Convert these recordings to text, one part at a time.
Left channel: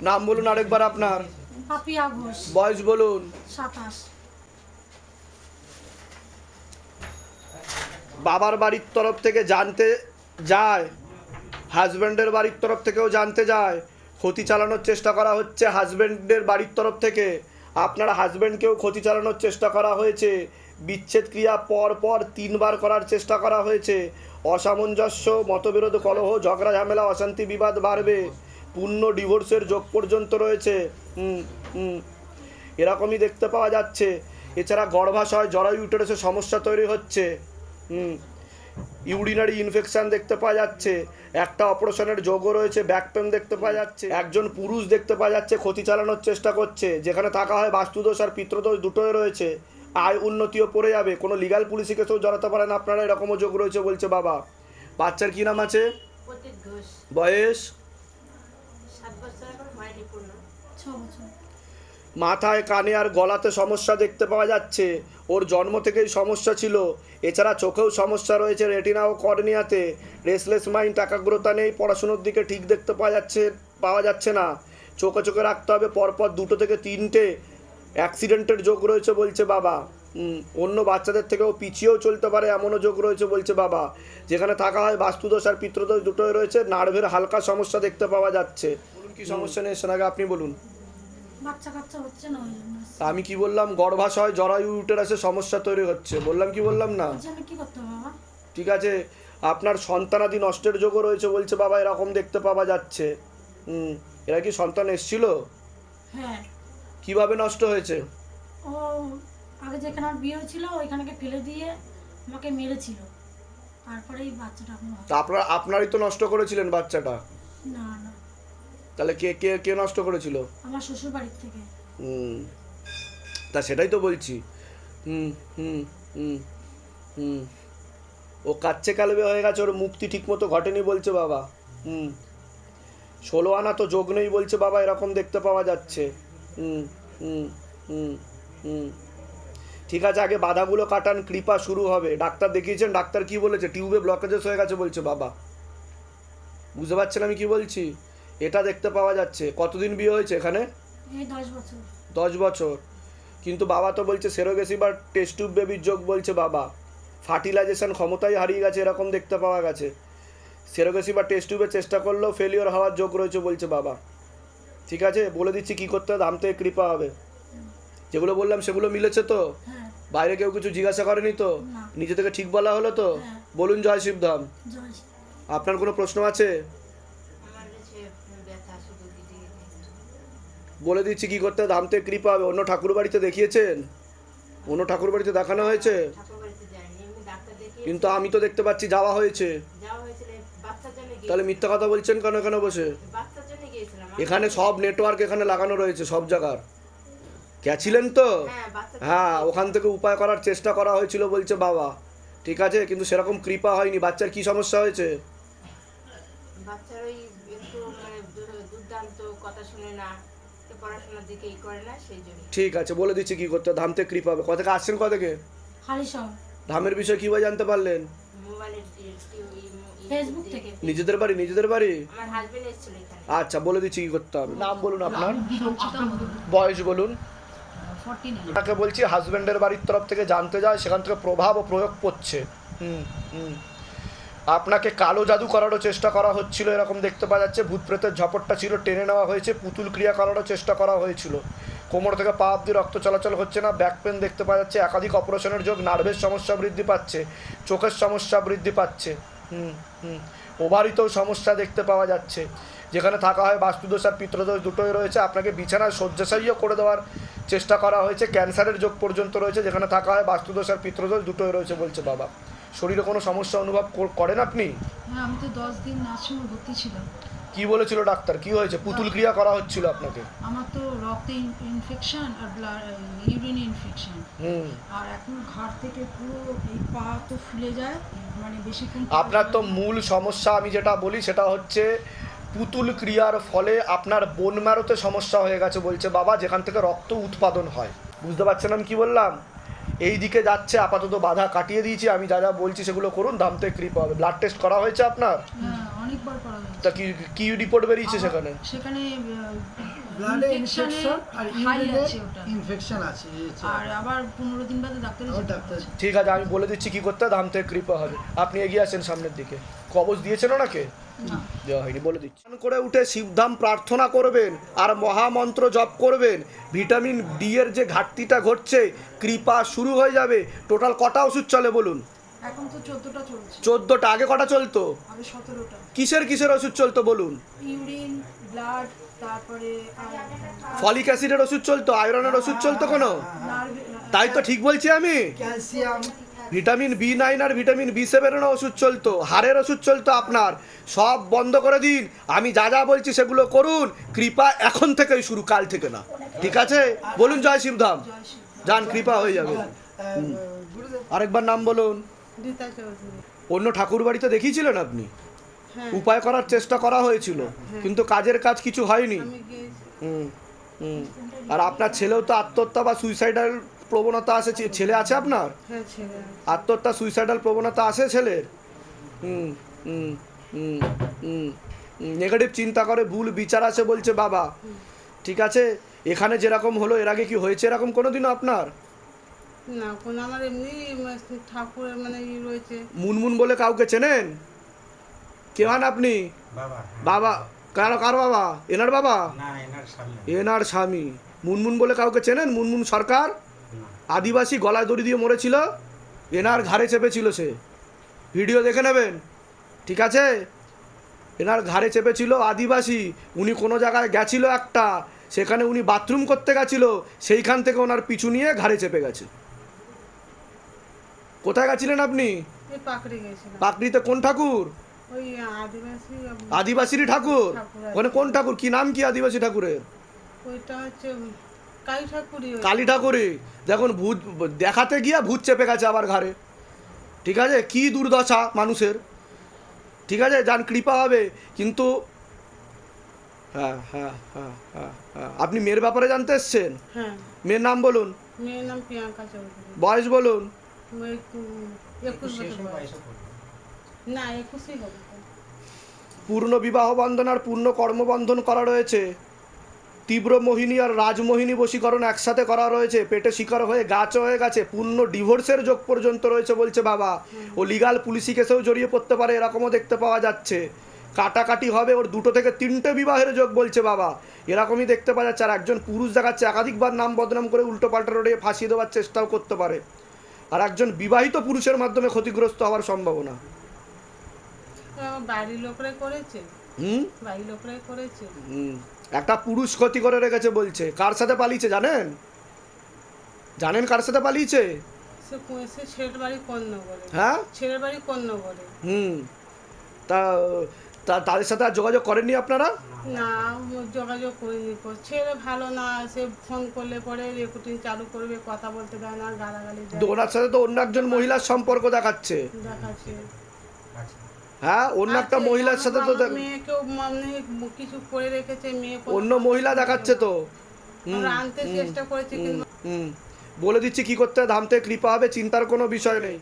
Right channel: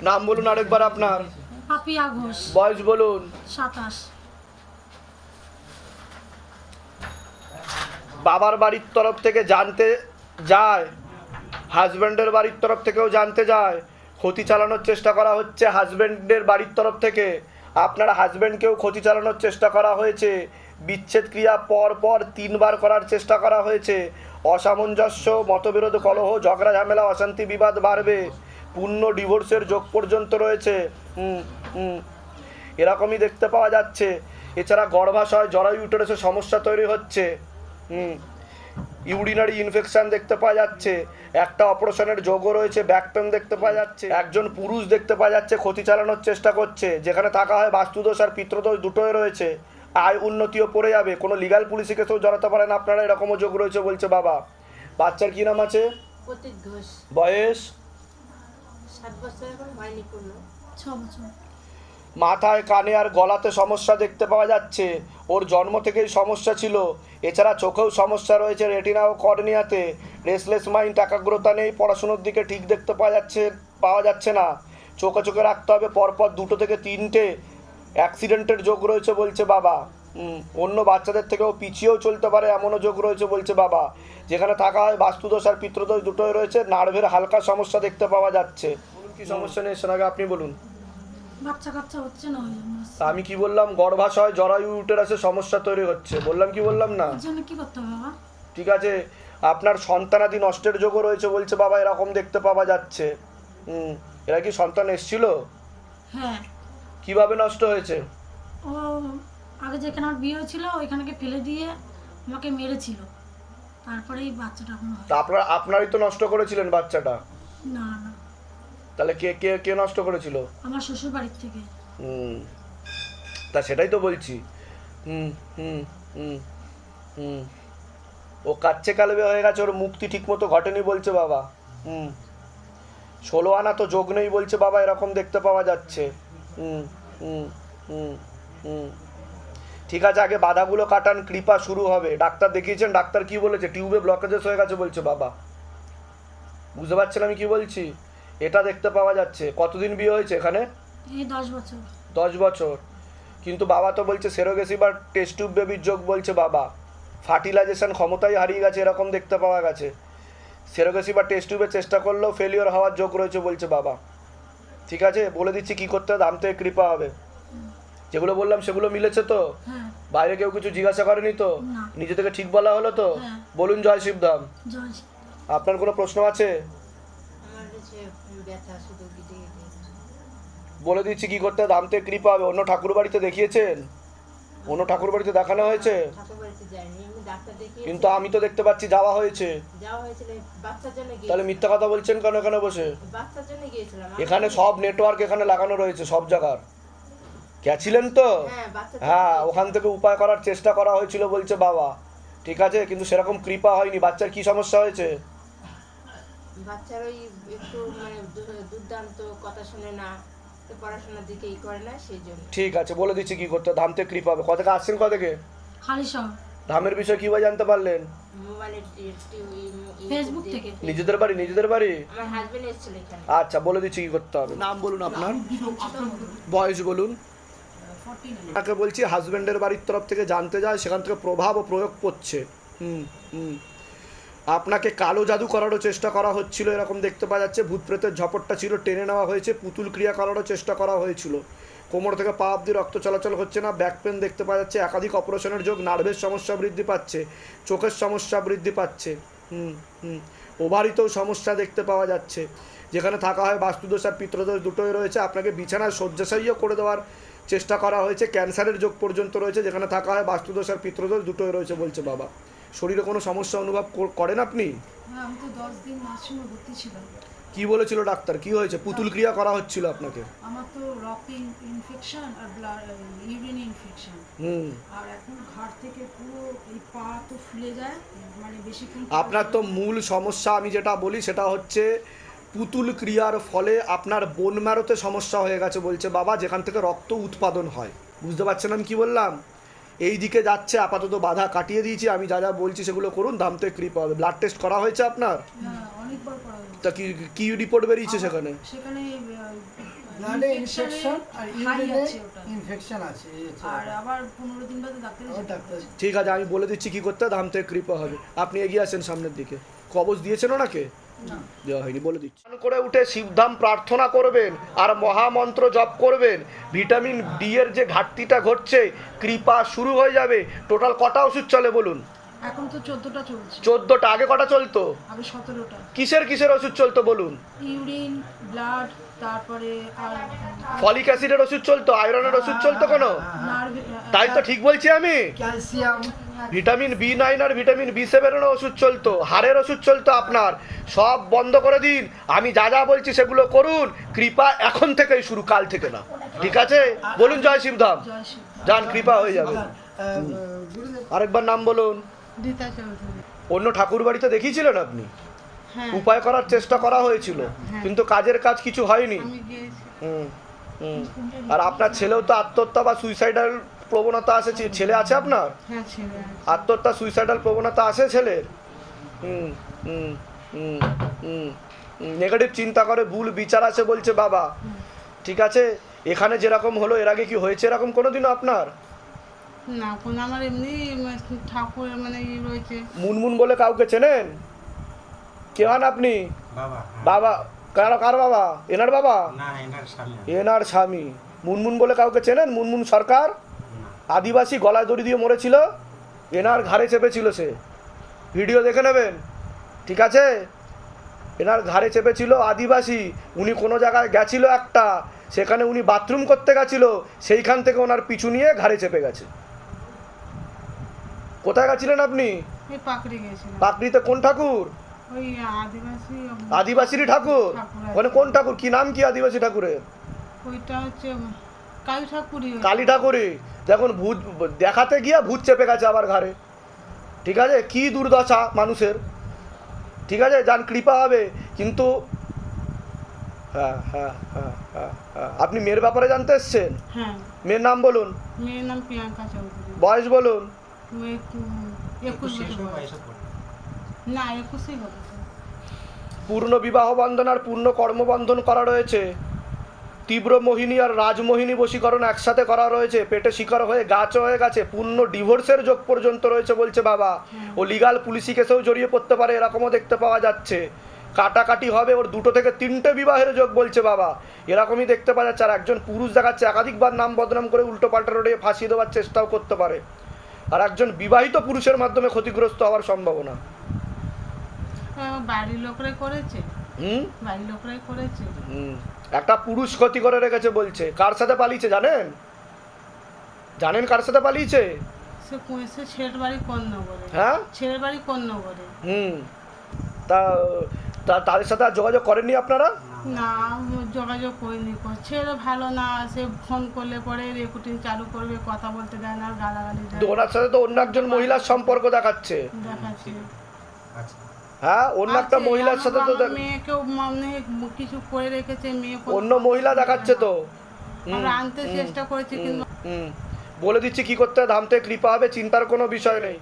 নাম বলুন আরেকবার আপনার। পাপিয়া ঘোষ। বয়স বলুন। সাতাশ। বাবার বাড়ির তরফ থেকে জানতে যায় হাজব্যান্ডের বাড়ির তরফ থেকেও জানতে যায় ক্ষতি চালানোর চেষ্টা করা হচ্ছে হাজব্যান্ডের বাড়ির তরফ থেকে। আপনার হাজব্যান্ডকেও ক্ষতি চালানোর চেষ্টা করা হয়েছে। বিচ্ছেদ ক্রিয়া পর পর তিনবার করার চেষ্টা করা হয়েছে। অসামঞ্জস্য মতবিরোধ কলহ ঝগড়া ঝামেলা অশান্তি বিবাদ বাড়বে। পূর্ণ ডিভোর্সের যোগ পর্যন্ত রয়েছে। হুম হুম। এরকমই দেখতে পাওয়া যাচ্ছে। এছাড়া গর্ভাশয় জরায়ু ইউটেরাসের সমস্যা তৈরি হচ্ছে। হুম। ইউরিনারি ইনফেকশন দেখতে পাওয়া যাচ্ছে। একটা অপারেশনের যোগও রয়েছে ব্যাক পেন দেখতে পাওয়া যাচ্ছে। একজন পুরুষ দেখতে পাওয়া যাচ্ছে ক্ষতি চালানোর চেষ্টা করছে। যেখানে থাকা হয় বাস্তুদোষ আর পিত্রদোষ দুটোই রয়েছে। আয় উন্নতিও পড়ে যাবে। কোনো লিগাল পুলিশে কেসেও জড়াতে পারেন আপনারা এরকমও যোগ রয়েছে বলছে বাবা। বাচ্চার কি নাম আছে? বয়স সাত বছর এখন হয়নি পূর্ণ ছ বছর মাথায় কানে আর গলাতে সমস্যা দেখতে পাওয়া যাচ্ছে। ওর জন্ম থেকেই সমস্যা ছিল। এছাড়া চোখেও সমস্যা রয়েছে রেটিনা ও কর্নিয়াতে। রেসলেস মাইন্ড একাগ্রতা নেই পড়াশুনোর দিকে ঠিক দেখতে পাওয়া যাচ্ছে পাওয়া যাচ্ছে না। চোখে চোখে রাখতে হবে পরপর দুটো থেকে তিনটে অ্যাক্সিডেন্টের যোগ রয়েছে বলছে বাবা। অন্য বাচ্চাদের থেকেও পিছিয়েও চলতে পারে এমনও যোগ রয়েছে বলছে বাবা। যেখানে থাকা হয় বাস্তুদোষ আর পিত্রদোষ দুটোই রয়েছে। নার্ভের হালকা সমস্যা দেখতে পাওয়া যাচ্ছে। কি সমস্যা নেই? সেটাকে আপনি বলুন। বাচ্চা কাচ্চা হচ্ছে না আমি কি বললাম? গর্ভাশয় জরায়ু ইউটেরাসে সমস্যা তৈরি হচ্ছে। বললাম কি বললাম না? কি করতে বাবা? ঠিক আছে আপনার সন্তানাদি নষ্টের যোগও রয়েছে বলছে বাবা এরকম দেখতে পাওয়া যাচ্ছে। হুম এরা কি সন্তান এসছিল? হ্যাঁ। কীভাবে নষ্ট হয়েছে? ও আগে যেখানে আমার বিয়ে হয়েছিল ওইখানকে ফেলে দিয়ে আমাকে মেরেছিল। তারপরেই বাচ্চাটা এখন তা আপনার আপনারই তো নষ্ট করেছিলেন বাচ্চাটা? না না। তাহলে কে কে কে নষ্ট করেছিল? আমার শ্বশুর বাড়ির থেকে। হুম। তা সেটাই তো বলছি। হুম হুম হুম হুম। ও কাচ্ছে কালবে হয়ে গেছে ওর মুক্তি ঠিকমতো ঘটেনি বলছে বাবা। হুম। ষোলো আনা তো যোগ নেই বলছে বাবা এরকম দেখতে পাওয়া যাচ্ছে। হুম হুম হুম হুম। ঠিক আছে আগে বাধাগুলো কাটান কৃপা শুরু হবে। ডাক্তার দেখিয়েছেন ডাক্তার কি বলেছে? টিউবে ব্লকেজেস হয়ে গেছে বলছে বাবা। বুঝতে পারছেন আমি কি বলছি? এটা দেখতে পাওয়া যাচ্ছে। কতদিন বিয়ে হয়েছে এখানে? দশ বছর। দশ বছর। কিন্তু বাবা তো বলছে সেরোগেসি বা টেস্ট টিউব বেবির যোগ বলছে বাবা। ফার্টিলাইজেশন ক্ষমতাই হারিয়ে গেছে এরকম দেখতে পাওয়া গেছে। সেরোগেসি বা টেস্ট টিউবের চেষ্টা করলেও ফেলিওর হওয়ার যোগ রয়েছে বলছে বাবা। ঠিক আছে? বলে দিচ্ছি কি করতে হবে থেকে কৃপা হবে। যেগুলো বললাম সেগুলো মিলেছে তো? হ্যাঁ। বাইরে কেউ কিছু জিজ্ঞাসা করেনি তো? নিজে থেকে ঠিক বলা হলো তো? হ্যাঁ। বলুন জয় শিবধাম। আপনার কোনো প্রশ্ন আছে? ব্যথা শুধু গিটে গিটে। বলে দিচ্ছি কি করতে ধাম কৃপা হবে। অন্য ঠাকুর বাড়িতে দেখিয়েছেন? অন্য ঠাকুর বাড়িতে দেখানো হয়েছে? কিন্তু আমি তো দেখতে পাচ্ছি যাওয়া হয়েছে। তাহলে মিথ্যা কথা বলছেন কেন এখানে বসে? এখানে সব নেটওয়ার্ক এখানে লাগানো রয়েছে সব জায়গার। গেছিলেন তো? হ্যাঁ হ্যাঁ ওখান থেকে উপায় করার চেষ্টা করা হয়েছিল বলছে বাবা। ঠিক আছে কিন্তু সেরকম কৃপা হয়নি। বাচ্চার কি সমস্যা হয়েছে? বাচ্চার ওই দুর্দান্ত কথা শুনে না পড়াশোনার দিকে ই করে না সেই জন্য। ঠিক আছে বলে দিচ্ছি কি করতে হবে। ধাম থেকে কৃপা হবে। কত থেকে আসছেন কত থেকে হালি শহর ধামের বিষয়ে কীভাবে জানতে পারলেন? ফেসবুক থেকে। নিজেদের বাড়ি নিজেদের বাড়ি? আমার হাজবেন্ড এসেছিল এখানে। আচ্ছা বলে দিচ্ছি কি করতে হবে। নাম বলুন আপনার। বয়স বলুন। তাকে বলছি হাজবেন্ডের বাড়ির তরফ থেকে জানতে যায় সেখান থেকে প্রভাব ও প্রয়োগ করছে। হুম হুম। আপনাকে কালো জাদু করারও চেষ্টা করা হচ্ছিল, এরকম দেখতে পাওয়া যাচ্ছে। ভূত প্রেতের ঝপটটা ছিল, টেনে নেওয়া হয়েছে, পুতুল ক্রিয়া করারও চেষ্টা করা হয়েছিল। কোমর থেকে পা অব্দি রক্ত চলাচল হচ্ছে না, ব্যাক পেন দেখতে পাওয়া যাচ্ছে, একাধিক অপারেশনের যোগ নার্ভের সমস্যা বৃদ্ধি পাচ্ছে, চোখের সমস্যা বৃদ্ধি পাচ্ছে, হুম হুম, ওভারিতেও সমস্যা দেখতে পাওয়া যাচ্ছে। যেখানে থাকা হয় বাস্তুদোষ আর পিত্রদোষ দুটোই রয়েছে, আপনাকে বিছানায় শয্যাশায়ীও করে দেওয়ার চেষ্টা করা হয়েছে, ক্যান্সারের যোগ পর্যন্ত রয়েছে, যেখানে থাকা হয় বাস্তুদোষ আর পিত্রদোষ দুটোই রয়েছে বলছে বাবা। শরীরে কোনো সমস্যা অনুভব করেন আপনি? হ্যাঁ আমি তো দশ দিন নার্সিংহোমে ভর্তি ছিলাম। কি বলেছিল ডাক্তার? কি হয়েছে? পুতুল ক্রিয়া করা হচ্ছিল আপনাকে? আমার তো রক্তে ইনফেকশন আর ইউরিন ইনফেকশন হুম। আর এখন ঘাড় থেকে পুরো এই পা তো ফুলে যায় মানে বেশিক্ষণ আপনার তো মূল সমস্যা আমি যেটা বলি সেটা হচ্ছে পুতুল ক্রিয়ার ফলে আপনার বোন ম্যারোতে সমস্যা হয়ে গেছে বলছে বাবা যেখান থেকে রক্ত উৎপাদন হয়। বুঝতে পারছেন আমি কি বললাম? এই দিকে যাচ্ছে আপাতত বাধা কাটিয়ে দিয়েছি আমি যা যা বলছি সেগুলো করুন দামতে কৃপা হবে। ব্লাড টেস্ট করা হয়েছে আপনার? হ্যাঁ অনেকবার করা হয়েছে। তা কি কি রিপোর্ট বেরিয়েছে সেখানে? সেখানে ব্লাডে ইনফেকশন আর ইউরিনে ইনফেকশন আছে আর আবার পনেরো দিন বাদে ডাক্তার ডাক্তার ঠিক আছে আমি বলে দিচ্ছি কি করতে হয়, দামতে কৃপা হবে। আপনি এগিয়ে আসেন সামনের দিকে। কবজ দিয়েছেন ওনাকে? দেওয়া হয়নি বলে দিচ্ছি। করে উঠে শিবধাম প্রার্থনা করবেন আর মহামন্ত্র জপ করবেন ভিটামিন ডি এর যে ঘাটতিটা ঘটছে কৃপা শুরু হয়ে যাবে। টোটাল কটা ওষুধ চলে বলুন? এখন তো চোদ্দটা চলছে। চোদ্দোটা আগে কটা চলতো? আগে সতেরোটা। কিসের কিসের ওষুধ চলতো বলুন? ইউরিন ব্লাড তারপরে আর ফলিক অ্যাসিডের ওষুধ চলতো? আয়রনের ওষুধ চলতো কেন? তাই তো ঠিক বলছি আমি। ক্যালসিয়াম। ভিটামিন বি নাইন আর ভিটামিন বি সেভেনের ওষুধ চলতো হাড়ের ওষুধ চলতো আপনার। সব বন্ধ করে দিন আমি যা যা বলছি সেগুলো করুন কৃপা এখন থেকেই শুরু কাল থেকে না। ঠিক আছে? বলুন জয় শিবধাম। যান কৃপা হয়ে যাবে। আরেকবার নাম বলুন। অন্য ঠাকুর বাড়িতে দেখিয়েছিলেন আপনি? হ্যাঁ। উপায় করার চেষ্টা করা হয়েছিল কিন্তু কাজের কাজ কিছু হয়নি। হুম হুম। আর আপনার ছেলেও তো আত্মহত্যা বা সুইসাইডাল প্রবণতা আছে? ছেলে আছে আপনার? হ্যাঁ ছেলে আত্মহত্যা সুইসাইডাল প্রবণতা আছে ছেলের? হুম হুম হুম হুম নেগেটিভ চিন্তা করে ভুল বিচার আছে বলছে বাবা। ঠিক আছে? এখানে যেরকম হলো এর আগে কি হয়েছে এরকম কোনোদিনও আপনার? না কোনো আমার এমনি ঠাকুর মানে ই রয়েছে। মুনমুন বলে কাউকে চেনেন? কে হন আপনি? বাবা হ্যাঁ। বাবা কার কার বাবা? এনার বাবা? না এনার এনার স্বামী। মুনমুন বলে কাউকে চেনেন? মুনমুন সরকার? না আদিবাসী গলায় দড়ি দিয়ে মরেছিল এনার ঘাড়ে চেপেছিল সে। ভিডিও দেখে নেবেন? ঠিক আছে? এনার ঘাড়ে চেপেছিল আদিবাসী উনি কোনো জায়গায় গেছিল একটা সেখানে উনি বাথরুম করতে গেছিল সেইখান থেকে ওনার পিছু নিয়ে ঘাড়ে চেপে গেছে। কোথায় গেছিলেন আপনি? পাকড়িতে কোন ঠাকুর? আদিবাসী আদিবাসীরই ঠাকুর। ওখানে কোন ঠাকুর? কি নাম কি আদিবাসী ঠাকুরের? ওইটা হচ্ছে কালী ঠাকুরই দেখুন ভূত দেখাতে গিয়া ভূত চেপে গেছে আবার ঘাড়ে। ঠিক আছে? কি দুর্দশা মানুষের। ঠিক আছে? যান কৃপা হবে কিন্তু হ্যাঁ হ্যাঁ হ্যাঁ হ্যাঁ হ্যাঁ। আপনি মেয়ের ব্যাপারে জানতে এসছেন? হ্যাঁ। মেয়ের নাম বলুন। মেয়ের নাম প্রিয়াঙ্কা চৌধুরী। বয়স বলুন। একুশ হবে। পূর্ণ বিবাহ বন্ধন আর পূর্ণ কর্মবন্ধন করা রয়েছে। তীব্র মোহিনী আর রাজমোহিনী বশীকরণ একসাথে করা রয়েছে। পেটে শিকার হয়ে গাছ হয়ে গেছে। পূর্ণ ডিভোর্সের যোগ পর্যন্ত রয়েছে বলছে বাবা। ও লিগাল পুলিশি কেসেও জড়িয়ে পড়তে পারে এরকমও দেখতে পাওয়া যাচ্ছে। কাটাকাটি হবে ওর দুটো থেকে তিনটে বিবাহের যোগ বলছে বাবা। এরকমই দেখতে পাওয়া যাচ্ছে। আর একজন পুরুষ দেখাচ্ছে একাধিকবার নাম বদনাম করে উল্টো পাল্টা রোডে ফাঁসিয়ে দেওয়ার চেষ্টাও করতে পারে। আর একজন বিবাহিত পুরুষের মাধ্যমে ক্ষতিগ্রস্ত হওয়ার সম্ভাবনা। বাড়ির লোকরাই করেছে? হুম? বাড়ির লোকরাই করেছে? হুম। একটা পুরুষ ক্ষতি করে রেখেছে বলছে। কার সাথে পালিয়েছে জানেন? জানেন কার সাথে পালিয়েছে? সে সে ছেলের বাড়ি কন্যাগরে হ্যাঁ? ছেলের বাড়ি কন্যাগরে হুম। তা তা তাদের সাথে আর যোগাযোগ করেননি আপনারা? না যোগাযোগ করিনি। ছেলে ভালো না সে ফোন করলে পরে রেকর্ডিং চালু করবে কথা বলতে দেয় না গালাগালি দেয়। ওনার সাথে তো অন্য একজন মহিলার সম্পর্ক দেখাচ্ছে। দেখাচ্ছে। আচ্ছা। হ্যাঁ অন্য একটা মহিলার সাথে তো মেয়েকেও মানে কিছু করে রেখেছে মেয়ে অন্য মহিলা দেখাচ্ছে তো। আমরা আনতে চেষ্টা করেছি হুম, কিন্তু হুম। বলে দিচ্ছি কি করতে হয়, ধামতে কৃপা হবে চিন্তার কোনো বিষয় নেই।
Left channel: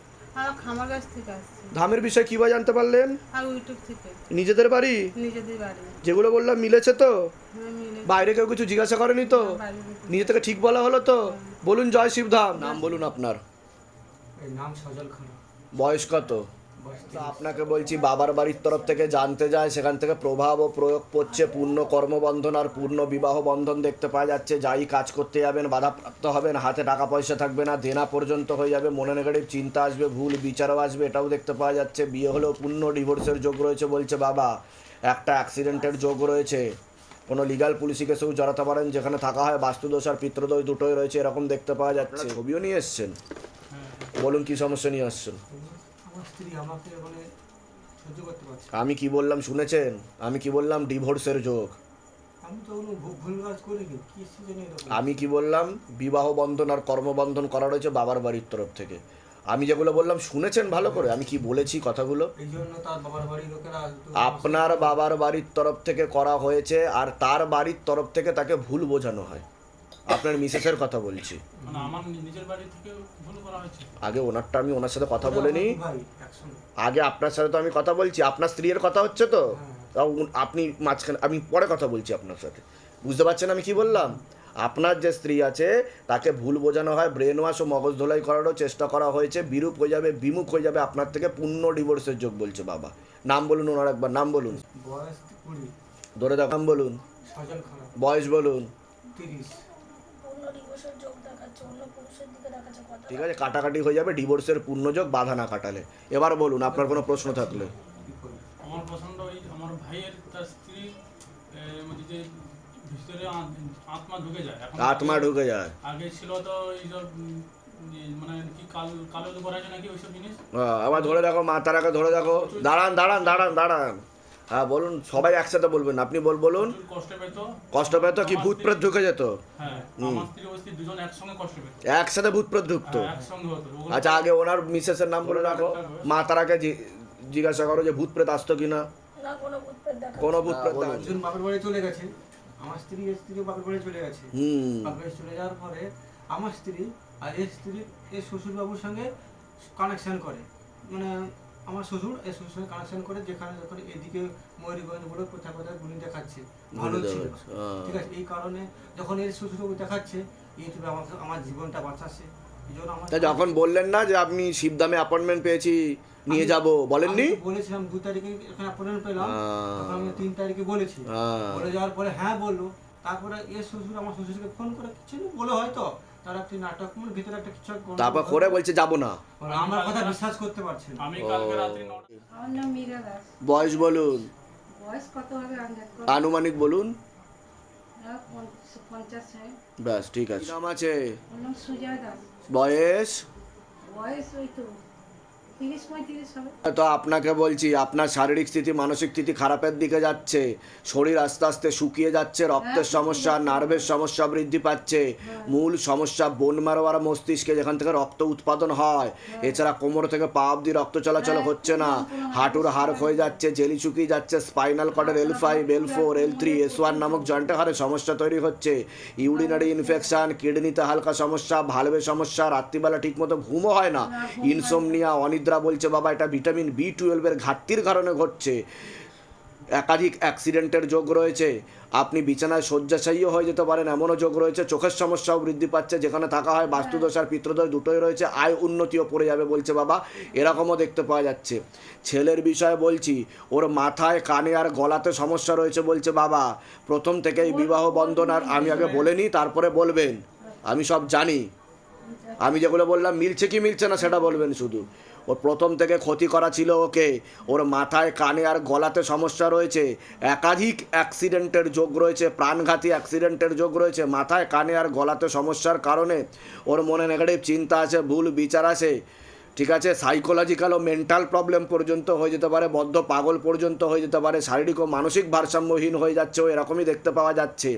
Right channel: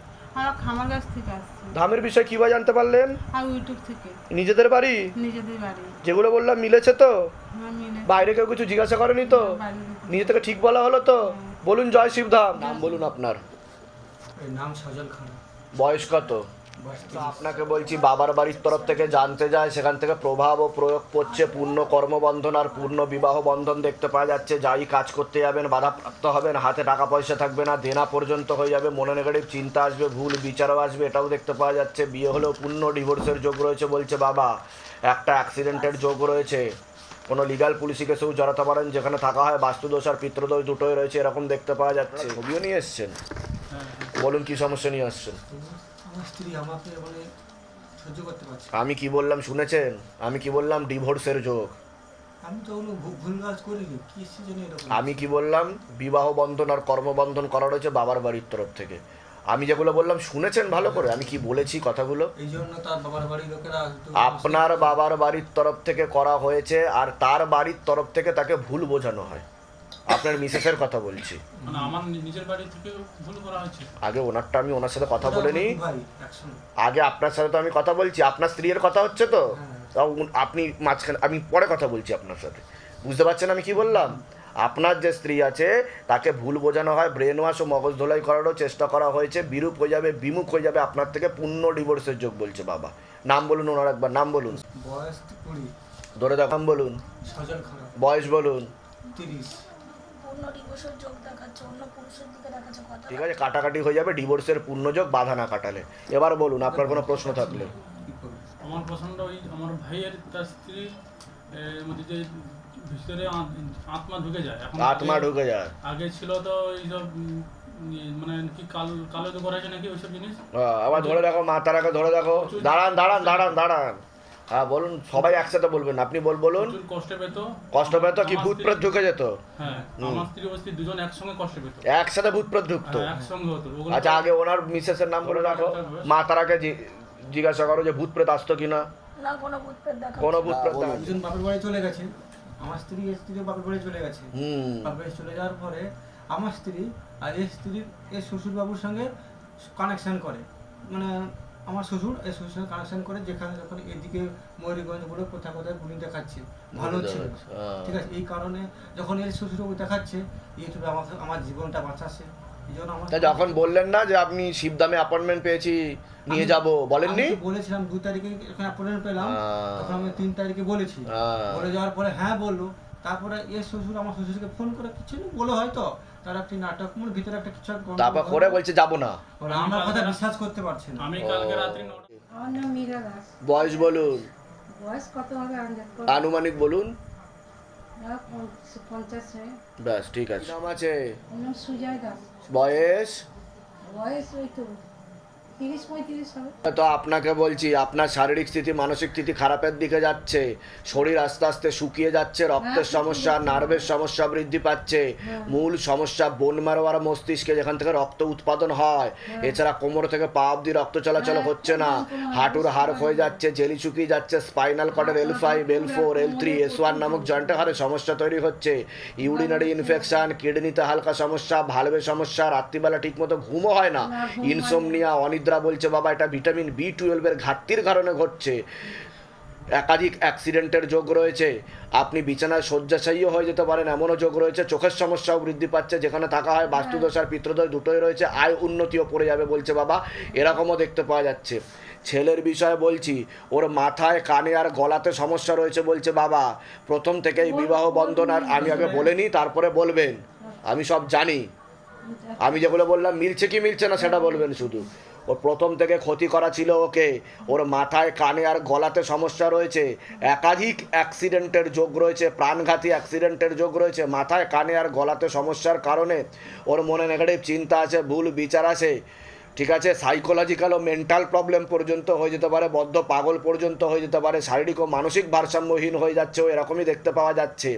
খামার গাছ থেকে আসছি। ধামের বিষয় কীভাবে জানতে পারলেন? ইউটিউব থেকে। নিজেদের বাড়ি? নিজেদের বাড়ি। যেগুলো বললাম মিলেছে তো? হ্যাঁ বাইরে কেউ কিছু জিজ্ঞাসা করেনি তো? নিজে থেকে ঠিক বলা হলো তো? বলুন জয় শিবধাম। নাম বলুন আপনার। নাম সজল খান। বয়স কত? আপনাকে বলছি বাবার বাড়ির তরফ থেকে জানতে যায় সেখান থেকে প্রভাব ও প্রয়োগ করছে পূর্ণ কর্মবন্ধন আর পূর্ণ বিবাহ বন্ধন দেখতে পাওয়া যাচ্ছে। যাই কাজ করতে যাবেন বাধাপ্রাপ্ত হবেন হাতে টাকা পয়সা থাকবে না দেনা পর্যন্ত হয়ে যাবে মনে নেগেটিভ চিন্তা আসবে ভুল বিচারও আসবে এটাও দেখতে পাওয়া যাচ্ছে। বিয়ে হলেও পূর্ণ ডিভোর্সের যোগ রয়েছে বলছে বাবা। একটা অ্যাক্সিডেন্টের যোগ রয়েছে। কোনো লিগাল পুলিশি কেসেও জড়াতে পারেন যেখানে থাকা হয় বাস্তুদোষ আর পিতৃদোষ দুটোই রয়েছে এরকম দেখতে পাওয়া যাচ্ছে। ছবিও নিয়ে এসছেন? বলুন কী সমস্যা নিয়ে আসছেন? আমার স্ত্রী আমাকে মানে সহ্য করতে পারছে না। আমি কি বললাম শুনেছেন? আমি কি বললাম ডিভোর্সের যোগ? আমি তো কোনো ভু- ভুল কাজ করিনি কি জন্য এরকম। আমি কি বললাম? বিবাহ বন্ধন আর কর্মবন্ধন করা রয়েছে বাবার বাড়ির তরফ থেকে। আমি যেগুলো বললাম শুনেছেন ভালো করে? আমি কি বলেছি কথাগুলো? এই জন্য তার বাবার বাড়ির লোকেরা একটু- আপনার বাবার বাড়ির তরফ থেকে করা হয়েছে আর তার বাড়ির তরফ থেকে তাকে ভুল বোঝানো হয়। আপনার মিসেসের কথা বলছি। মানে আগে ওনারটা আমি ওনার সাথে কথা বলে নিই। আগে আপনার সাথে তো আমি কথা বলছি আপনার স্ত্রীর কথা হচ্ছে তো? হ্যাঁ। তাও উন- আপনি মাঝখানে আমি পরে কথা বলছি আপনার সাথে। বুঝতে পারছেন আমি কি বললাম? আপনার যে স্ত্রী আছে তাকে ভুল বোঝানো হয় ব্রেন ওয়াশ ও মগজ ধোলাই করারও চেষ্টা করা হয়েছে বিরূপ হয়ে যাবে বিমুখ হয়ে যাবে আপনার থেকে পূর্ণ ডিভোর্সের যোগ বলছে বাবা। নাম বলুন ওনার একবার নাম বলুন। বয়স ধরে দেখ নাম বলুন। সজল বয়স বলুন। তিরিশ। পূর্ণ ডিভোর্সের যোগ দেখাচ্ছে অন্য পুরুষের দিকে দেখাচ্ছে কথা ঠিক আছে কাটাকাটি হয়ে যাবে ডিভোর্সের পূর্ণযোগ বাধা না কাটালে। এবার বলুন আপনার কোনো প্রশ্ন থাকলে? আমার পছন্দ ওই আমার ভাইয়ের তার স্ত্রীর মধ্যে যে ভিতরে আত্মা ঢুকে যায় এখন আত্মা ঢুকে যায়। আগে ছিল তো এইসব মানে কি কাল কালো তো করা আছে নাকি ওইসব জিনিস? আবার ধরে দেখো মাথাটাকে ধরে দেখো। দাঁড়ান দাঁড়ান দাঁড়ান দাঁড়ান। হ্যাঁ বলুন সবাই একসাথে বলবেন আপনি বল বলুন। কষ্ট পেত। কষ্ট পেত কি ভূত প্রেত ঢুকে যেত? হ্যাঁ আমার স্ত্রী ও স্ত্রী দুজন একসঙ্গে কষ্ট পেত। একসাথে ভূত প্রেত ঢুকতো? হ্যাঁ, একসঙ্গে হতো। আচ্ছা আগে ওনার মিসেসের নাম বলে রাখো। মা তারাকে জি- জিজ্ঞাসা করো যে ভূত প্রেত আসতো কিনা। না কোনো ভূতপ্রেত দেখা কোনো ভূত প্রেত দেখা- একজন বাপের বাড়ি চলে গেছে। আমার স্ত্রী এর স্ত্রীও বাপের বাড়ি চলে গেছে। হুম। বাপের চলে যাওয়ার পরে আমার স্ত্রী আর এর স্ত্রীর এর শ্বশুরবাবুর সঙ্গে কানেকশন করে। মানে আমার শ্বশুর এর শ্বশুর সঙ্গে কানেকশন করে যেখানে যখন এদিকে ময়ূরগঞ্জ বলে কোথায় কোথায় গুলি দেখাচ্ছে ভালো ছিল। ঠিক আছে এই কারণে যখন এর শ্বশুরবাবু দেখাচ্ছে ইউটিউবে আমাকে আমার জীবনটা বাঁচাচ্ছে এই তা যখন বললেন না যে আপনি শিবদামে অ্যাপয়েন্টমেন্ট পেয়েছি নিয়ে যাব বলেননি বলেছিলাম দু তারিখে এখানে অ্যাপয়েন্টমেন্ট পেলাম। তখন আমি তিন তারিখে বলেছি। বলে যাওয়ার পরে হ্যাঁ বলল তারপরে এর শ্বশুর আমার শ্বশুরকে ফোন করে কিছু বলে হয়তো তার একটি নাটক মন ভিতরে একটা কিছু তারপর। করে বলছে যাব না। ওরা আমার কথা বিশ্বাস করতে পারছে না। আমি কালকে রাত্রি নটা আমার নাম মীরা দাস। বয়স বলুন। বয়স কত হবে আনুমানিক বলুন। হ্যাঁ ব্যাস ঠিক আছে। নাম আছে সুজয় দাস। বয়স? বয়স ওই তো তো আপনাকে বলছি আপনার শারীরিক স্থিতি মানসিক স্থিতি খারাপের দিকে যাচ্ছে শরীর আস্তে আস্তে শুকিয়ে যাচ্ছে রক্তের হ্যাঁ, সমস্যা নার্ভের সমস্যা বৃদ্ধি পাচ্ছে মূল সমস্যা বোন মারো আর মস্তিষ্কে যেখান থেকে রক্ত উৎপাদন হয়। এছাড়া কোমর থেকে পা অব্দি রক্ত চলাচল হ্যাঁ, হচ্ছে না। হাঁটুর হাড় হয়ে যাচ্ছে জেলি শুকিয়ে যাচ্ছে spinal কর্ডের L five L four L three S one নামক জয়েন্টে হাড়ে সমস্যা তৈরি হচ্ছে। ইউরিনারি ইনফেকশন কিডনিতে হালকা সমস্যা ভালভে সমস্যা রাত্রিবেলা ঠিকমতো ঘুমও হয় না। ইনসোমনিয়া অনিদ্রা বলছে, বাবা, এটা ভিটামিন বি টুয়েলভের ঘাটতির কারণে ঘটছে। একাধিক অ্যাক্সিডেন্টের যোগ রয়েছে। আপনি বিছানায় শয্যাশায়ীও হয়ে যেতে পারেন, এমনও যোগ রয়েছে। চোখের সমস্যাও বৃদ্ধি পাচ্ছে, যেখানে থাকা হয় বাস্তুদোষ আর পিত্রদোষ দুটোই রয়েছে। আয় উন্নতিও পড়ে যাবে, বলছে বাবা। এরকমও দেখতে পাওয়া যাচ্ছে। ছেলের বিষয়ে বলছি, ওর মাথায়, কানে আর গলাতে সমস্যা রয়েছে, বলছে বাবা। প্রথম থেকেই বিবাহ বন্ধন আর আমি আগে বলে নিই, তারপরে বলবেন। আমি সব জানি। আমি যেগুলো বললাম, মিলছে কি মিলছে না, সেটা বলবেন শুধু। ওর প্রথম থেকে ক্ষতি করা ছিল ওকে। ওর মাথায়, কানে আর গলাতে সমস্যা রয়েছে। একাধিক অ্যাক্সিডেন্টের যোগ রয়েছে, প্রাণঘাতী অ্যাক্সিডেন্টের যোগ রয়েছে। মাথায়, কানে আর গলাতে সমস্যার কারণে ওর মনে নেগেটিভ চিন্তা আছে, ভুল বিচার আছে। ঠিক আছে সাইকোলজিক্যাল ও মেন্টাল প্রবলেম পর্যন্ত হয়ে যেতে পারে, বদ্ধ পাগল পর্যন্ত হয়ে যেতে পারে, শারীরিক ও মানসিক ভারসাম্যহীন হয়ে যাচ্ছে ও এরকমই দেখতে পাওয়া যাচ্ছে।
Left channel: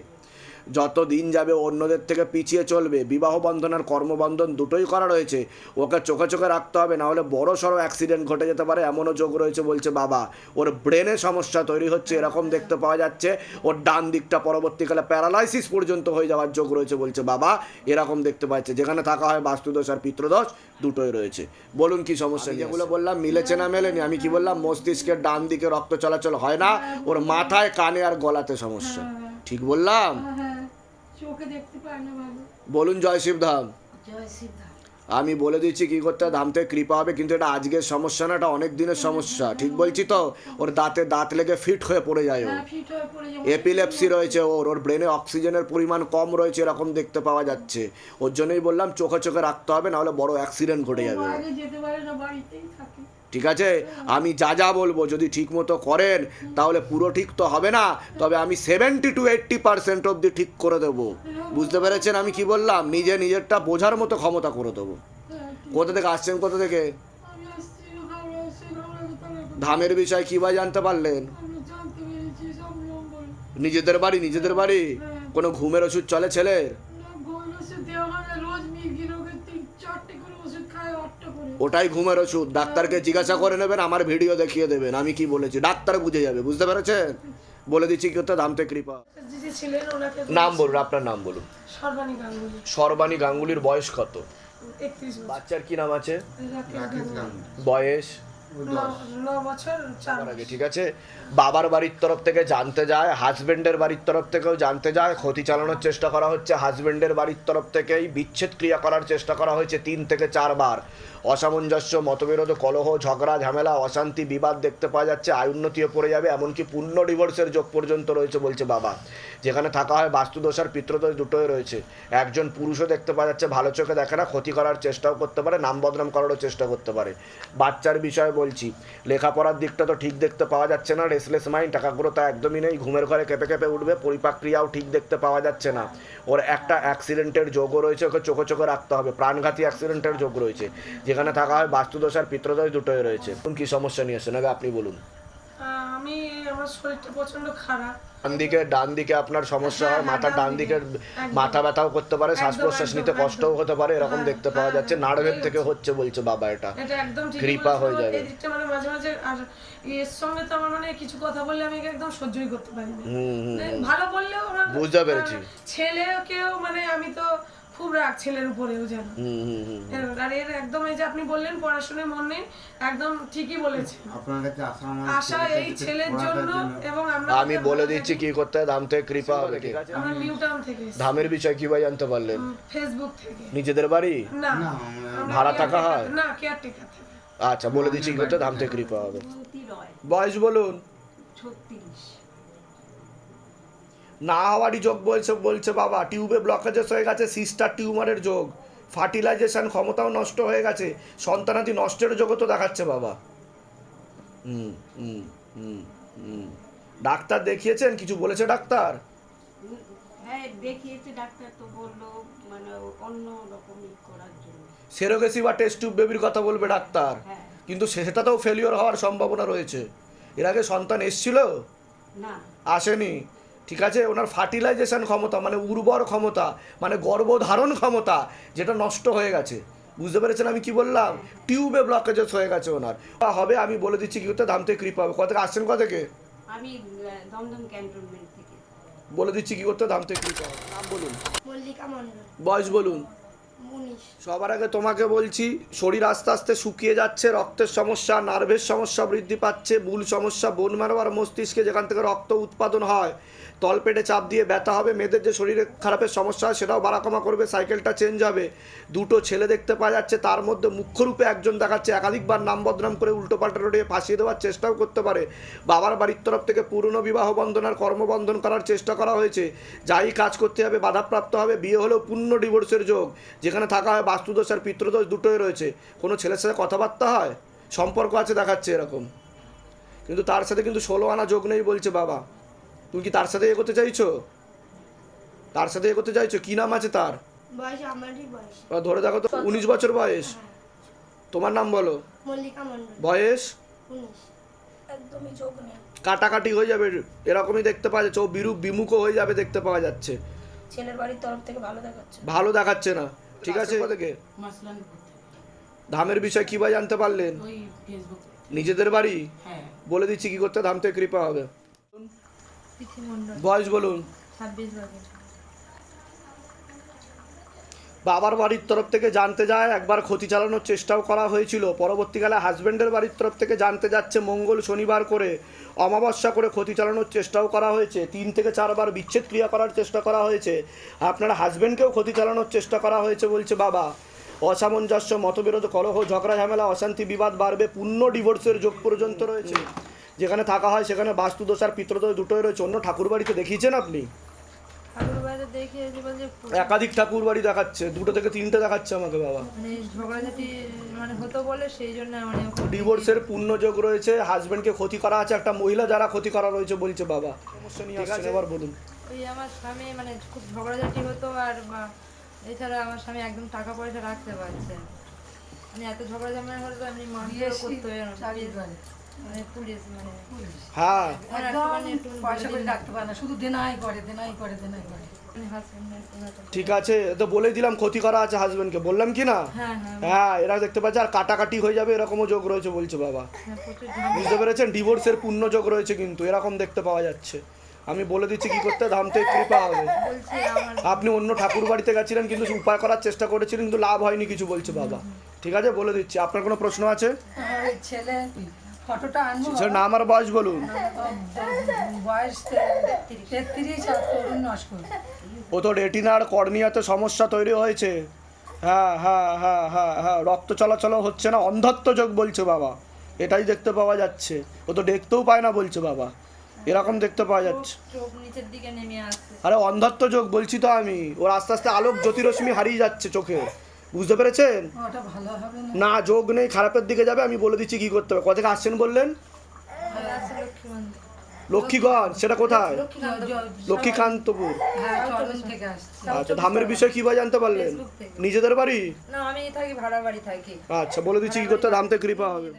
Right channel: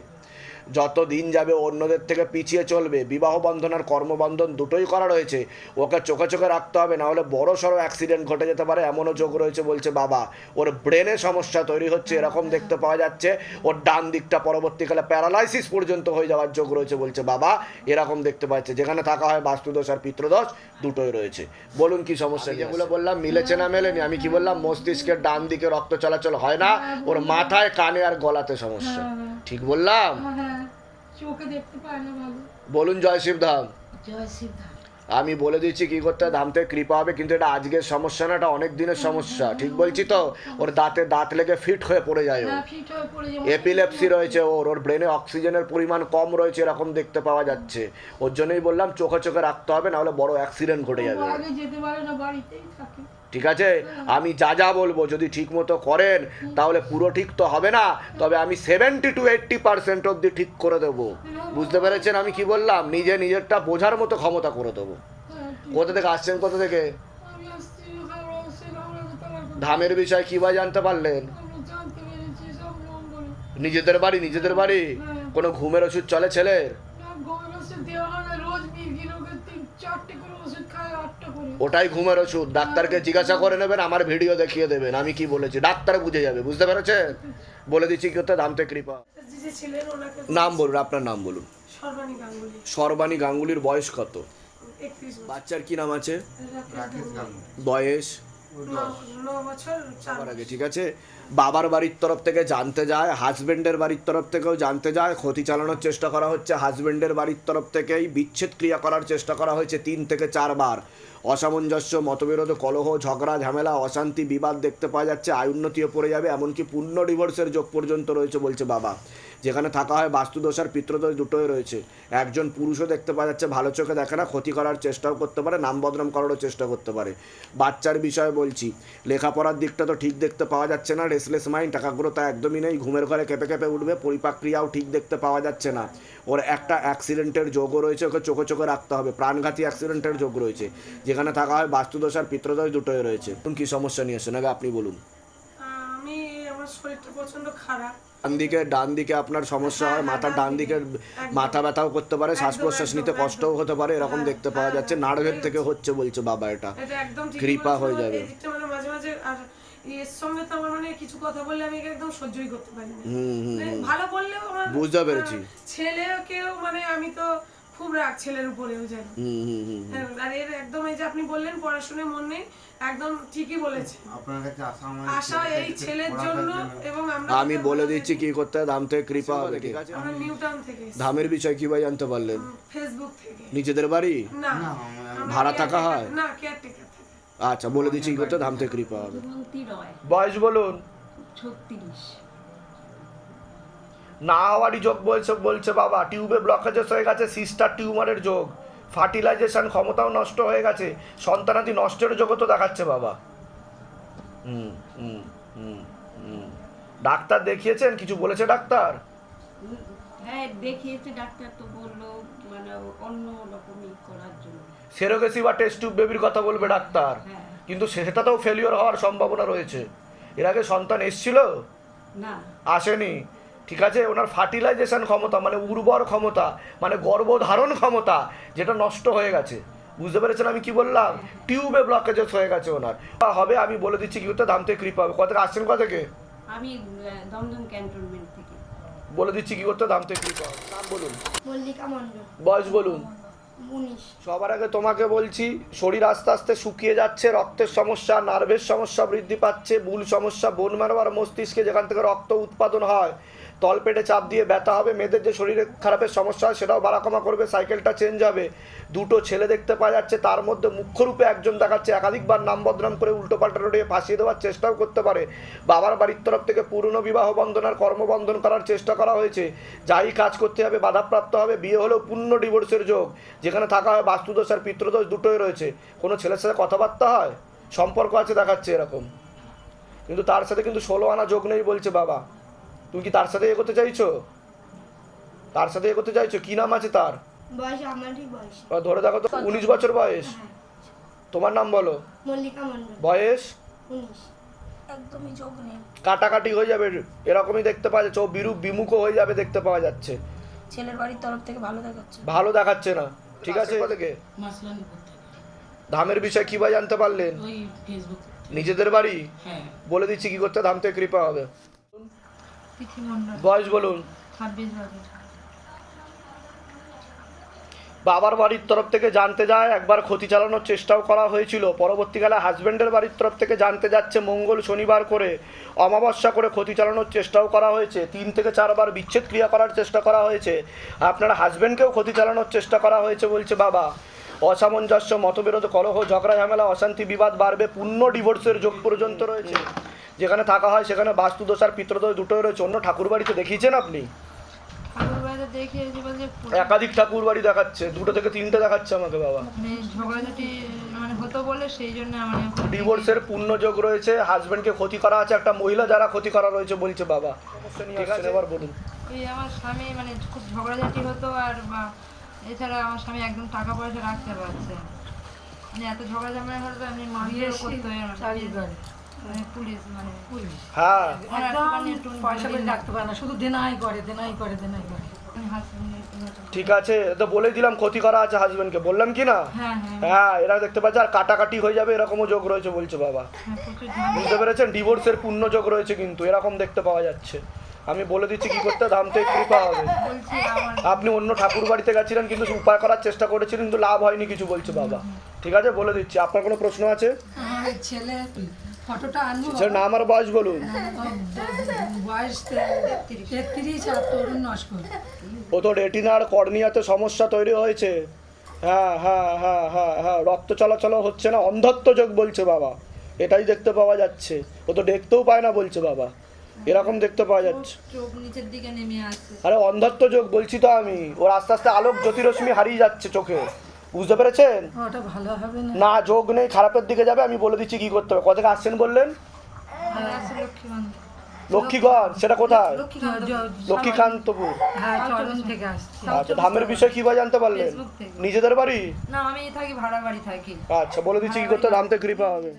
যত দিন যাবে অন্যদের থেকে পিছিয়ে চলবে। বিবাহ বন্ধন আর কর্মবন্ধন দুটোই করা রয়েছে। ওকে চোখে চোখে রাখতে হবে না হলে বড় সড়ো অ্যাক্সিডেন্ট ঘটে যেতে পারে এমনও যোগ রয়েছে বলছে বাবা। ওর ব্রেনে সমস্যা তৈরি হচ্ছে এরকম দেখতে পাওয়া যাচ্ছে। ওর ডান দিকটা পরবর্তীকালে প্যারালাইসিস পর্যন্ত হয়ে যাওয়ার যোগ রয়েছে বলছে বাবা। এরকম দেখতে পাচ্ছে যেখানে থাকা হয় বাস্তুদোষ আর পিত্রদোষ দুটোই রয়েছে। বলুন কি সমস্যা যেগুলো বললাম মিলেছে না মেলেনি আমি কি বললাম মস্তিষ্কের ডান দিকে রক্ত চলাচল হয় না? ওর মাথায় কানে আর গলাতে সমস্যা। ঠিক বললাম? হ্যাঁ হ্যাঁ। বলুন জয় জয় সিদ্ধা আমি বলে দিচ্ছি কি করতে হয়, দামতে কৃপা হবে কিন্তু এটা আজকের সমস্যা না এটা অনেক দিনের সমস্যা। ঠিক বলছি তো? ওর দাঁতে দাঁত লেগে ফিট হয়ে পড়ে যায় হ্যাঁ হয়ে এপিলেপসি রয়েছে ওর ওর ব্রেনে অক্সিজেনের পরিমাণ কম রয়েছে এরকম দেখতে পাওয়া যাচ্ছে। ওর জন্যই বললাম চোখে চোখে রাখতে হবে নাহলে বড় অ্যাক্সিডেন্ট ঘটে যাবে। আগে যেতে পারে না বাড়িতেই থাকে। ঠিক আছে? আমি যা যা বলব যদি ঠিক মতো করেন, তাহলে পুরো ঠিক তো হবে না। তবে আমি সেভেন্টি টু এইট্টি পার্সেন্ট অবধি ঠিক করে দেবো। বুঝতে পেরেছেন আমি কি বললাম? নিজে নিজেরটা বোঝার মতো ক্ষমতা করে দেবো। কোথা থেকে আসছেন, কোথা থেকে। ধামের বিষয় কি বা জানতে পারলেন? নিজেদের বাড়ি নিজেদের বাড়ি? কোনো ঘুমের ওষুধ চলে ছেলের না গমের ওষুধ দেওয়া হয় না রোজ মির্গি রোগের তিন চারটে করে ওষুধ খায় আটটা করে ওটাই ঘুমের ওষুধ। ডাক্তারকে জিজ্ঞাসা করে নেবেন আমার ভিডিও দেখিয়ে দেবেন। আমি কি বলেছি? ডাক্তার বুঝে যাবে বুঝতে পেরেছেন? বলে দিচ্ছি কি হতো দামতে কৃপা। যে ছিলেন ওনাকে নাম বলুন আপনার নাম বলুন। সর্বাণী গাঙ্গুলি। সর্বাণী গাঙ্গুলির বয়স কত? বাচ্চার কি নাম আছে? বয়স? ঠিক আছে? বাবার বাড়ির তরফ থেকে জানতে যায় হাজবেন্ডের বাড়ির তরফ থেকেও জানতে যায় ক্ষতি চালানোর চেষ্টা করা হচ্ছে। হাজবেন্ডের বাড়ির তরফ থেকেই বিচ্ছেদ ক্রিয়া করার চেষ্টা করা হয়েছে তিন থেকে চারবার অসামঞ্জস্য, মতবিরোধ, কলহ, ঝগড়া, ঝামেলা, অশান্তি, বিবাদ দেখতে পাওয়া যাচ্ছে আয়ুন্নতিও পড়ে যাবে, এমনকি পূর্ণ ডিভোর্সের যোগ পর্যন্ত রয়েছে বলছে বাবা। যেখানে থাকা হয় বাস্তুদোষ আর পিতৃদোষ দুটোই রয়েছে। একজন পুরুষও দেখতে পাওয়া যাচ্ছে, ভালো চোখে দেখে না, ক্ষতি করার চেষ্টাও করতে পারে, নাম বদনাম করারও চেষ্টা করতে পারে। বাচ্চার বিষয়ে বলছি, লেখাপড়ার দিকটা তো ঠিক দেখতে পাওয়া যাচ্ছে না রেসলেস মাইন্ড টাকাগুলো তা একদমই নেই, ঘুমের ঘরে কেঁপে কেঁপে উঠবে, পরিপাক্রিয়াও ঠিক দেখতে পাওয়া যাচ্ছে না। ওর একটা অ্যাক্সিডেন্টের যোগও রয়েছে, ওকে চোখে চোখে রাখতে হবে, প্রাণঘাতী অ্যাক্সিডেন্টের যোগ রয়েছে। যেখানে থাকা হয় বাস্তুদোষ আর পিতৃদোষ দুটোই রয়েছে। কোন কী সমস্যা নিয়ে এসেছেন? আগে আপনি বলুন। আমি আমার শরীরটা প্রচণ্ড খারাপ। ডান দিকে ডান দিকে আপনার সমস্যা হয় হ্যাঁ, হ্যাঁ, মাথার ডান দিকে মাথা ব্যথাও করতে পারে শ্বাস প্রশ্বাস নিতে কষ্টও হতে পারে এরকম হ্যাঁ, দেখতে পাওয়া যাচ্ছে নার্ভের থেকে হচ্ছে। বলছে বাবা এটা। কৃপা হয়ে যাবে। মানে মাঝে মাঝে আর এর সঙ্গে তো আমার মানে কিছু কথা বললে আমি একদম সহ্যই করতে পারি না। হুম হুম মানে ভালো বললেও বুঝতে পেরেছি। ছেলেকেও মানে আমি তো খুব রাগ ছেলের উপরেও যেন। হুম হুম হুম হ্যাঁ, আর এর একদম এই যে আপনি বললেন পড়াশোনায় মন নেই একদম ঠিকই আমার আশা এই ছেলের জন্য এবং আমরা আমি বলে দিচ্ছি কি করতে হবে ধাম থেকে কৃপা হবে ঠিক আছে থাকি। আমরা নিউ টাউন থেকে ধামের বিষয় কীভাবে জানতে পারলেন? ফেসবুক থেকে। নিজেদের বাড়ি? না। ভাড়া থাকা হয়? না কেয়ারটেকার থেকে। আচ্ছা বলে দিচ্ছি কি করতে ধাম থেকে কৃপা হবে। বলতি বয়স বলুন। ছত্রিশ। না হওয়ারই যোগ বলছে বলছে বাবা টিউবে ব্লকেজেস হয়ে গেছে সিস্টার টিউমারের যোগ। ফার্টিলাইজেশন ক্ষমতাও নষ্ট হয়ে গেছে সন্তানাদি নষ্টের যোগও তো দেখাচ্ছে বাবা। হুম হুম হুম হুম। ডাক্তার দেখিয়েছেন? কিছু বলেছে ডাক্তার? হ্যাঁ দেখিয়েছে ডাক্তার তো বলল মানে অন্য রকমই করার জন্য। সেরোগেসি বা টেস্ট টিউব বেবির কথা বলবে ডাক্তার। হ্যাঁ। কিন্তু সেটাতেও ফেলিওর হওয়ার সম্ভাবনা রয়েছে। এর আগে সন্তান এসছিল? না। আসেনি। ঠিক আছে? ওনার ফার্টিলাইজেশন ক্ষমতা মানে উর্বর ক্ষমতা মানে গর্ভধারণ ক্ষমতা যেটা নষ্ট হয়ে গেছে। বুঝতে পেরেছেন আমি কি বললাম? টিউবে ব্লকেজেস হয়ে গেছে ওনার। হবে আমি বলে দিচ্ছি কি হতে দাম থেকে কৃপা হবে। কত আসছেন কত থেকে? আমি দমদম ক্যান্টনমেন্ট থেকে। বলে দিচ্ছি কি করতে দাম থেকে কৃপা হবে। বলুন। মল্লিকা মন্ডল বয়স বলুন। সবার আগে তোমাকে বলছি শরীর আস্তে আস্তে শুকিয়ে যাচ্ছে রক্তের সমস্যা নার্ভের সমস্যা বৃদ্ধি পাচ্ছে ভুল সমস্যা বোন মারবার মস্তিষ্কে যেখান থেকে রক্ত উৎপাদন হয় তলপেটে চাপ দিয়ে ব্যথা হবে, মেয়েদের যে শরীরে খারাপের সমস্যা হয় সেটাও বাড়াকমা করবে, সাইকেলটা চেঞ্জ হবে। দুটো ছেলে দেখতে পাওয়া যাচ্ছে, তার মধ্যে মুখ্যরূপে একজন দেখাচ্ছে, একাধিকবার নাম বদনাম করে উল্টো পাল্টা রোডে ফাঁসিয়ে দেওয়ার চেষ্টাও করতে পারে। বাবার বাড়ির তরফ থেকে পুরনো বিবাহ বন্ধন আর কর্মবন্ধন করার চেষ্টা করা হয়েছে। যাই কাজ করতে হবে, বাধাপ্রাপ্ত হবে, বিয়ে হলেও পূর্ণ ডিভোর্সের যোগ। যেখানে থাকা হয় বাস্তুদোষ আর পিতৃদোষ দুটোই রয়েছে। কোনো ছেলের সাথে কথাবার্তা হয়? সম্পর্ক আছে, দেখাচ্ছে এরকম। কিন্তু তার সাথে কিন্তু ষোলো আনা যোগ নেই বলছে বাবা। তুমি কি তার সাথে এগোতে চাইছো? তার সাথে এগোতে চাইছো? কি নাম আছে তার? বয়স আমারই বয়স। বা ধরে দেখো তো উনিশ বছর বয়স। তোমার নাম বলো। মল্লিকা বয়স? কাটাকাটি হয়ে যাবে এরকমই দেখতে পাওয়া যাচ্ছে। ও বিরূপ বিমুখও হয়ে যাবে দেখতে পাওয়া যাচ্ছে। ছেলের বাড়ির তরফ থেকে ভালো দেখাচ্ছে। ভালো দেখাচ্ছে না। ঠিক আছে? থেকে ধামের বিষয় কীভাবে জানতে পারলেন? নিজেদের বাড়ি? হ্যাঁ। বলে দিচ্ছি কি করতে ধাম থেকে কৃপা হবে। বয়স বলুন। বাবার বাড়ির তরফ থেকে জানতে যায় একবার ক্ষতি চালানোর চেষ্টাও করা হয়েছিল। পরবর্তীকালে হাজব্যান্ডের বাড়ির তরফ থেকে জানতে যাচ্ছে মঙ্গল শনিবার করে অমাবস্যা করে ক্ষতি চালানোর চেষ্টাও করা হয়েছে। তিন থেকে চারবার বিচ্ছেদ ক্রিয়া করার চেষ্টা করা হয়েছে। আপনার হাজব্যান্ডকেও ক্ষতি চালানোর চেষ্টা করা হয়েছে বলছে বাবা। অসামঞ্জস্য মতবিরোধ কলহ ঝগড়া ঝামেলা অশান্তি বিবাদ বাড়বে পূর্ণ ডিভোর্সের যোগ পর্যন্ত রয়েছে। যেখানে থাকা হয় সেখানে বাস্তুদোষ আর পিতৃদোষ দুটোই রয়েছে। অন্য ঠাকুর বাড়িতে দেখিয়েছেন আপনি? একাধিক ঠাকুর বাড়ি দেখাচ্ছে দুটো থেকে তিনটে দেখাচ্ছে আমাকে বাবা। মানে মানে হতো বলে সেই জন্য মানে ডিভোর্সের পূর্ণ যোগ রয়েছে হাজবেন্ডকে ক্ষতি করা আছে একটা মহিলা যারা ক্ষতি করা রয়েছে বলছে বাবা। ঠিক আছে এবার বলুন। ওই আমার স্বামী মানে খুব ঝগড়াঝাটি হতো আর বা এছাড়া আমার স্বামী একদম টাকা পয়সা রাখতে পারছে মানে এত ঝগড়া ঝামেলা হতো আমি মারধর করতো মানে পুলিশ মানে পুলিশ হ্যাঁ। পয়সা করে রাখতে পারে না শুধু দেনাই করে দেনাই করে দেনাই করে। ঠিক আছে তো বলে দিলাম ক্ষতি করা আছে হাজবেন্ডকে বললাম কি না? হ্যাঁ হ্যাঁ হ্যাঁ। এরা দেখতে পাচ্ছে আর কাটাকাটি হয়ে যাবে এরকমও যোগ রয়েছে বলছে বাবা। হ্যাঁ বুঝতে পেরেছেন? ডিভোর্সের পূর্ণ যোগ রয়েছে কিন্তু এরকম দেখতে পাওয়া যাচ্ছে। আমি বলে দিচ্ছি কি করতে ধাম থেকে কৃপা হবে। আপনি অন্য ঠাকুর বাড়িতে গেছিলেন কিন্তু উপায় করার চেষ্টা করেছিলেন কিন্তু লাভ হয়নি কিছু বলছে বাবা। ঠিক আছে বলে দিচ্ছি। আপনার কোনো প্রশ্ন আছে? ছেলে ফটোটা আনব স্যার নাম বয়স বলুন। বয়স তেত্রিশ আর তরুণ নস্কর। ও তো রেটিনার কর্নিয়াতে সমস্যা তৈরি হয়েছে। হ্যাঁ হ্যাঁ হ্যাঁ হ্যাঁ হ্যাঁ রক্ত চলাচল হচ্ছে না অন্ধত্ব যোগ বলছে বাবা। এটাই দেখতে পাওয়া যাচ্ছে। ও তো দেখতেও পায় না বলছে বাবা। এরকম দেখতে পাওয়া যাচ্ছে। চোখ নিচের দিকে নেমে আসছে। আরে অন্ধত্ব যোগ বলছি তো আমি। ওর আস্তে আস্তে আলোক জ্যোতিরশ্মি হারিয়ে যাচ্ছে চোখে। বুঝতে পেরেছেন? হবে না। না যোগ নেই খারাপের দিকে যাবে আমি বলে দিচ্ছি কি করতে হবে। কোথা থেকে আসছেন বললেন? আর লক্ষ্মীগঞ্জ। সেটা কোথায়? লক্ষ্মীকান্তপুর হ্যাঁ চরণ থেকে আসছে। আচ্ছা ধামের বিষয়ে কীভাবে জানতে পারলেন? নিজেদের বাড়ি? না আমি থাকি ভাড়া বাড়ি থাকি। আচ্ছা বলে দিচ্ছি কি করতে হবে, ধাম থেকে কৃপা হবে।